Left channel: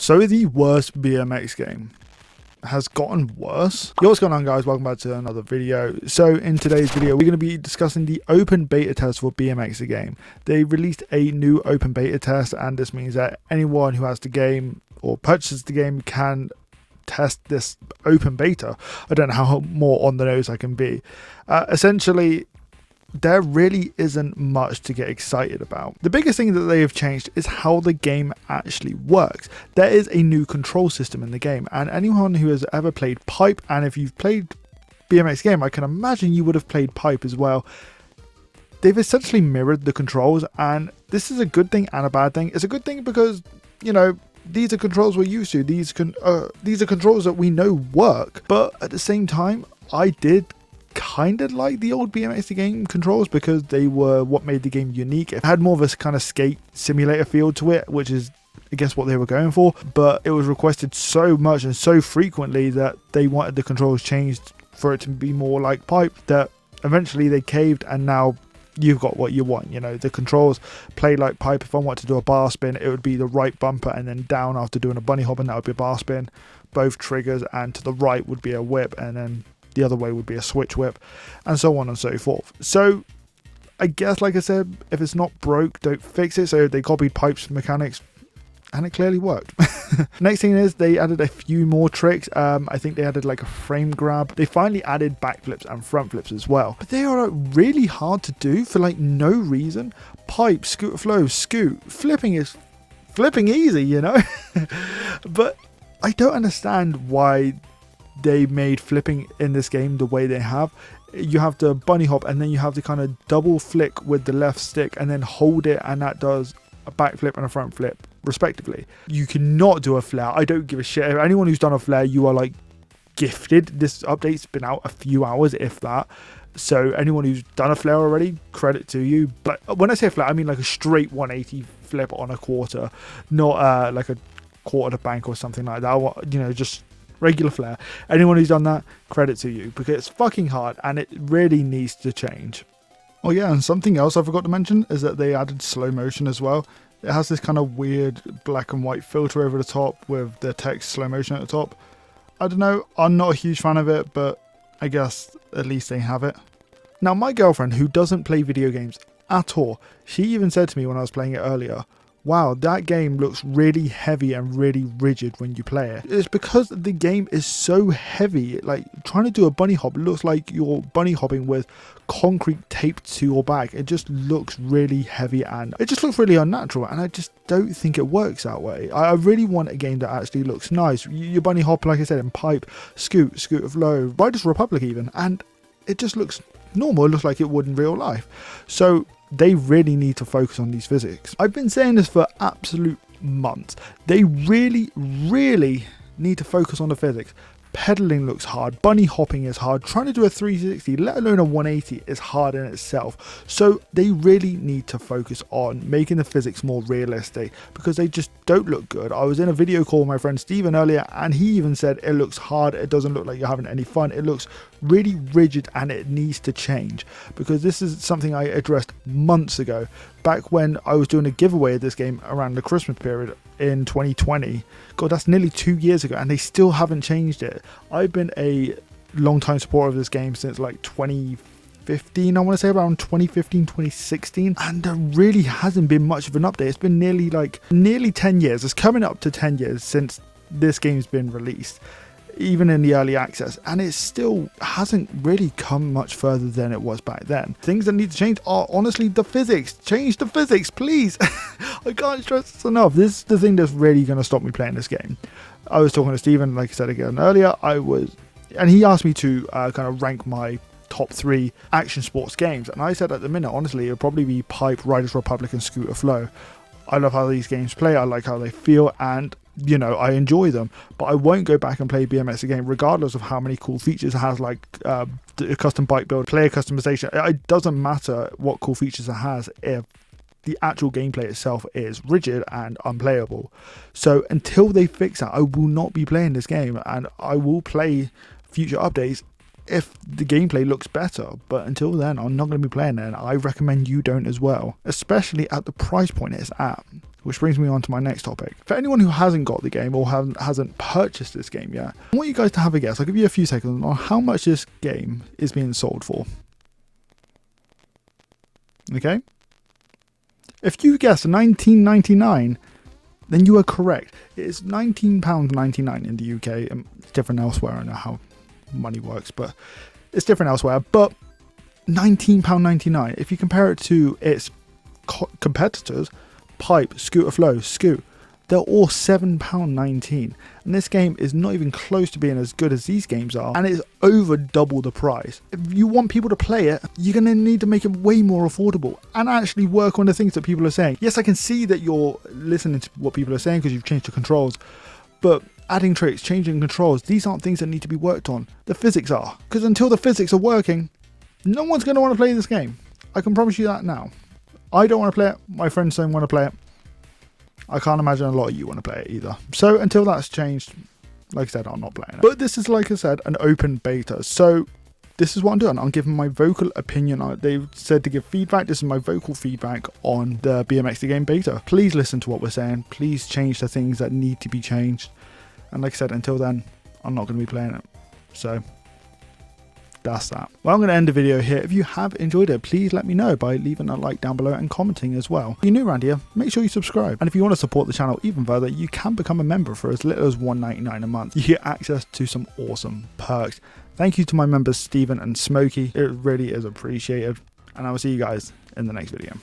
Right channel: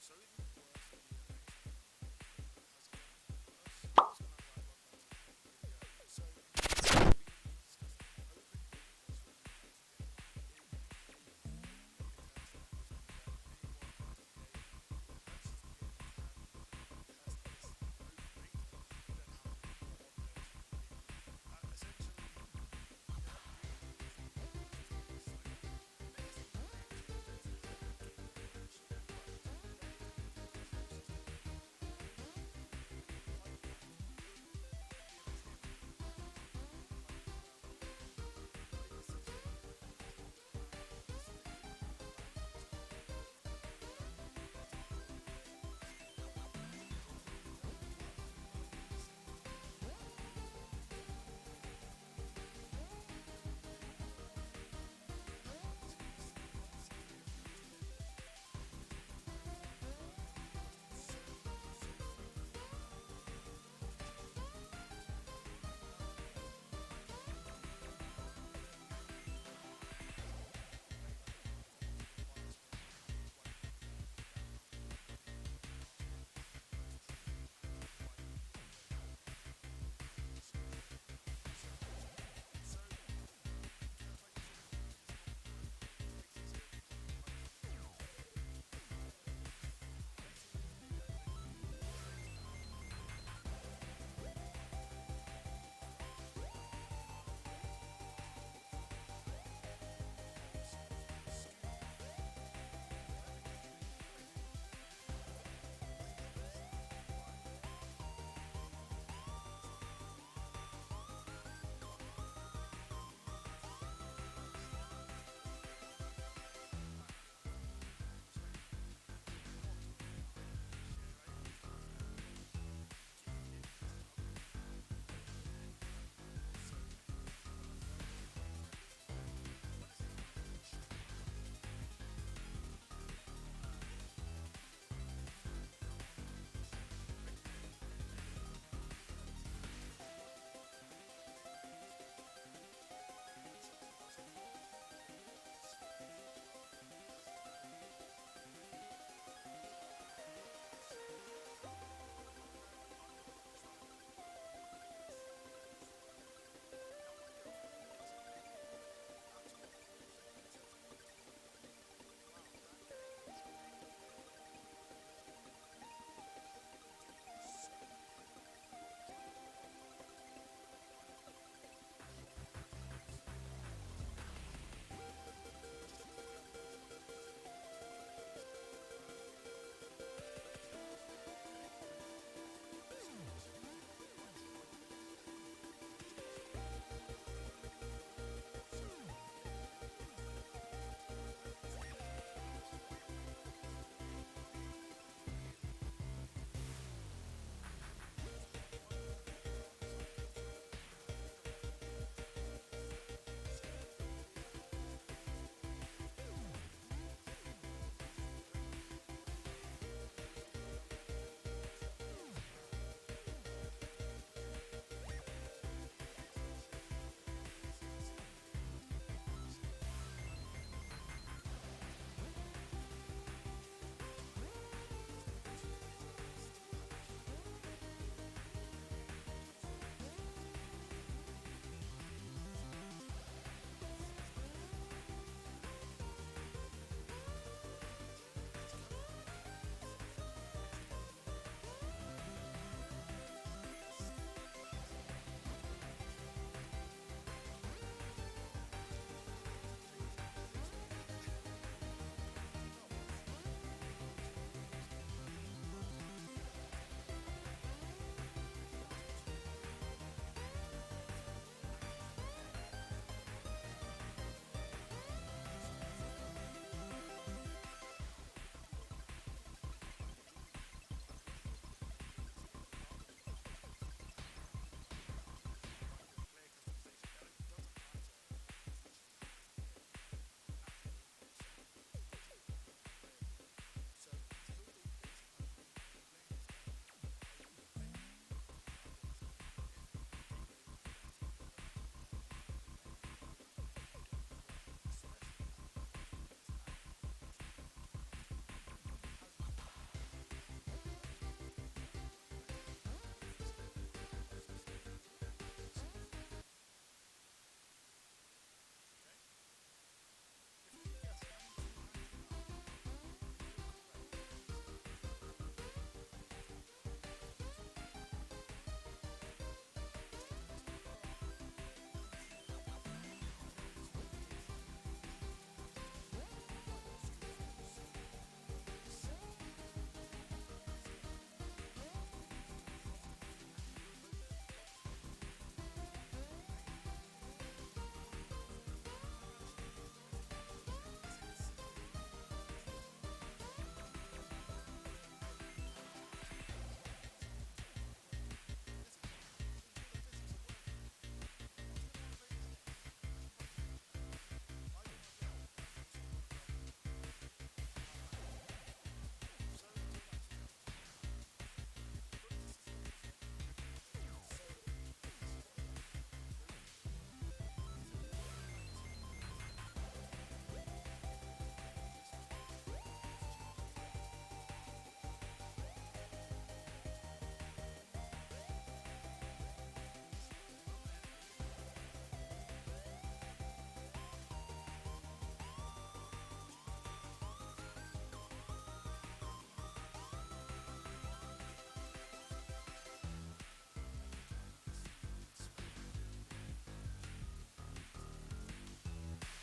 So the worst BMX game has gotten worse. Yo, what's going on, guys? Welcome back to another video. So in today's video, we're going to be discussing the open beta test for BMX the game. They released a new open beta test, and this means that anyone who has the game or purchases the game can test this open beta. I don't know how more on the nose I can be. Essentially, there really isn't much to get excited about. The biggest thing that they have changed is how the game actually works. There is a new control system in the game, and anyone who has ever played Pipe, and if you've played BMX game, I can imagine you would have played Pipe as well. They've essentially mirrored the controls, and this is a good thing and a bad thing. It's a good thing because, you know, these are controls we're used to. These are controls that we know work, but at the same time, I did kind of like the old BMX the game controls because they were what made the game unique. It had more of a kind of skate simulator feel to it, which is I guess what they were going for, but it was requested so much and so frequently that they wanted the controls changed for it to be more like Pipe that eventually they caved, and now you've got what you want. You know, the controls play like Pipe. If I want to do a bar spin, it would be the right bumper and then down after doing a bunny hop, and that would be a bar spin, both triggers, and to the right would be a whip, and then the other way would be a switch whip, and so on and so forth. So I guess, like I said, if it's not broke, don't fix it. So they copied Pipe's mechanics, and it clearly worked. Next thing is they added a few more tricks. I think they added like a frame grab. They finally added backflips and front flips as well, but they are really hard to do for like no reason. Pipe, scooter flow, scoot, flipping is flipping easy, you know. But I don't understand why they made flipping in this game the way they have. You have the bunny hop, and then you have the kind of double flick with the left stick and then hold it, and that does a backflip and a front flip respectively. You cannot do a flare. I don't give a shit. Anyone who's done a flare, you are like gifted. This update's been out a few hours, if that. So anyone who's done a flare already, credit to you. But when I say flare, I mean like a straight 180 flip on a quarter, not like a quarter to bank or something like that. You know, just regular flare. Anyone who's done that, credit to you, because it's fucking hard and it really needs to change. Oh yeah, and something else I forgot to mention is that they added slow motion as well. It has this kind of weird black and white filter over the top with the text slow motion at the top. I don't know, I'm not a huge fan of it, but I guess at least they have it. Now my girlfriend, who doesn't play video games at all, she even said to me when I was playing it earlier, wow, that game looks really heavy and really rigid when you play it. It's because the game is so heavy. Like trying to do a bunny hop looks like you're bunny hopping with concrete taped to your back. It just looks really heavy and it just looks really unnatural, and I just don't think it works that way. I really want a game that actually looks nice. You bunny hop, like I said, in Pipe, scooter flow, Riders Republic even, and it just looks normal. It looks like it would in real life. So they really need to focus on these physics. I've been saying this for absolute months. They really need to focus on the physics. Pedaling looks hard, bunny hopping is hard, trying to do a 360, let alone a 180, is hard in itself. So they really need to focus on making the physics more realistic, because they just don't look good. I was in a video call with my friend Steven earlier, and he even said it looks hard, it doesn't look like you're having any fun, it looks really rigid and it needs to change, because this is something I addressed months ago, back when I was doing a giveaway of this game around the Christmas period in 2020. God, that's nearly 2 years ago, and they still haven't changed it. I've been a long time supporter of this game since like 2015, I want to say around 2015, 2016, and there really hasn't been much of an update. It's been nearly 10 years. It's coming up to 10 years since this game's been released, even in the early access, and it still hasn't really come much further than it was back then. Things that need to change are honestly the physics. Change the physics, please. I can't stress this enough. This is the thing that's really going to stop me playing this game. I was talking to Steven, like I said again earlier, and he asked me to kind of rank my top 3 action sports games, and I said at the minute, honestly, it would probably be Pipe, Riders Republic, and Scooter Flow. I love how these games play, I like how they feel, and you know, I enjoy them, but I won't go back and play BMX again regardless of how many cool features it has, like the custom bike build, player customization. It doesn't matter what cool features it has if the actual gameplay itself is rigid and unplayable. So until they fix that, I will not be playing this game, and I will play future updates if the gameplay looks better, but until then I'm not going to be playing it, and I recommend you don't as well, especially at the price point it's at. Which brings me on to my next topic. For anyone who hasn't got the game or hasn't purchased this game yet, I want you guys to have a guess. I'll give you a few seconds on how much this game is being sold for. Okay? If you guessed $19.99, then you are correct. It is £19.99 in the UK. It's different elsewhere. I don't know how money works, but it's different elsewhere. But £19.99, if you compare it to its competitors, Pipe, Scooter Flow, Scoot, they're all £7.19, and this game is not even close to being as good as these games are, and it's over double the price. If you want people to play it, you're going to need to make it way more affordable and actually work on the things that people are saying. Yes, I can see that you're listening to what people are saying because you've changed the controls, but adding tricks, changing controls, these aren't things that need to be worked on. The physics are, because until the physics are working, no one's going to want to play this game. I can promise you that now. I don't want to play it. My friends don't want to play it. I can't imagine a lot of you want to play it either. So until that's changed, like I said, I'm not playing it. But this is, like I said, an open beta. So this is what I'm doing. I'm giving my vocal opinion. They've said to give feedback. This is my vocal feedback on the BMX the Game beta. Please listen to what we're saying. Please change the things that need to be changed. And like I said, until then, I'm not going to be playing it. So that's that. Well, I'm going to end the video here. If you have enjoyed it, please let me know by leaving a like down below and commenting as well. If you're new around here, make sure you subscribe. And if you want to support the channel even further, you can become a member for as little as $1.99 a month. You get access to some awesome perks. Thank you to my members Stephen and Smokey. It really is appreciated. And I will see you guys in the next video.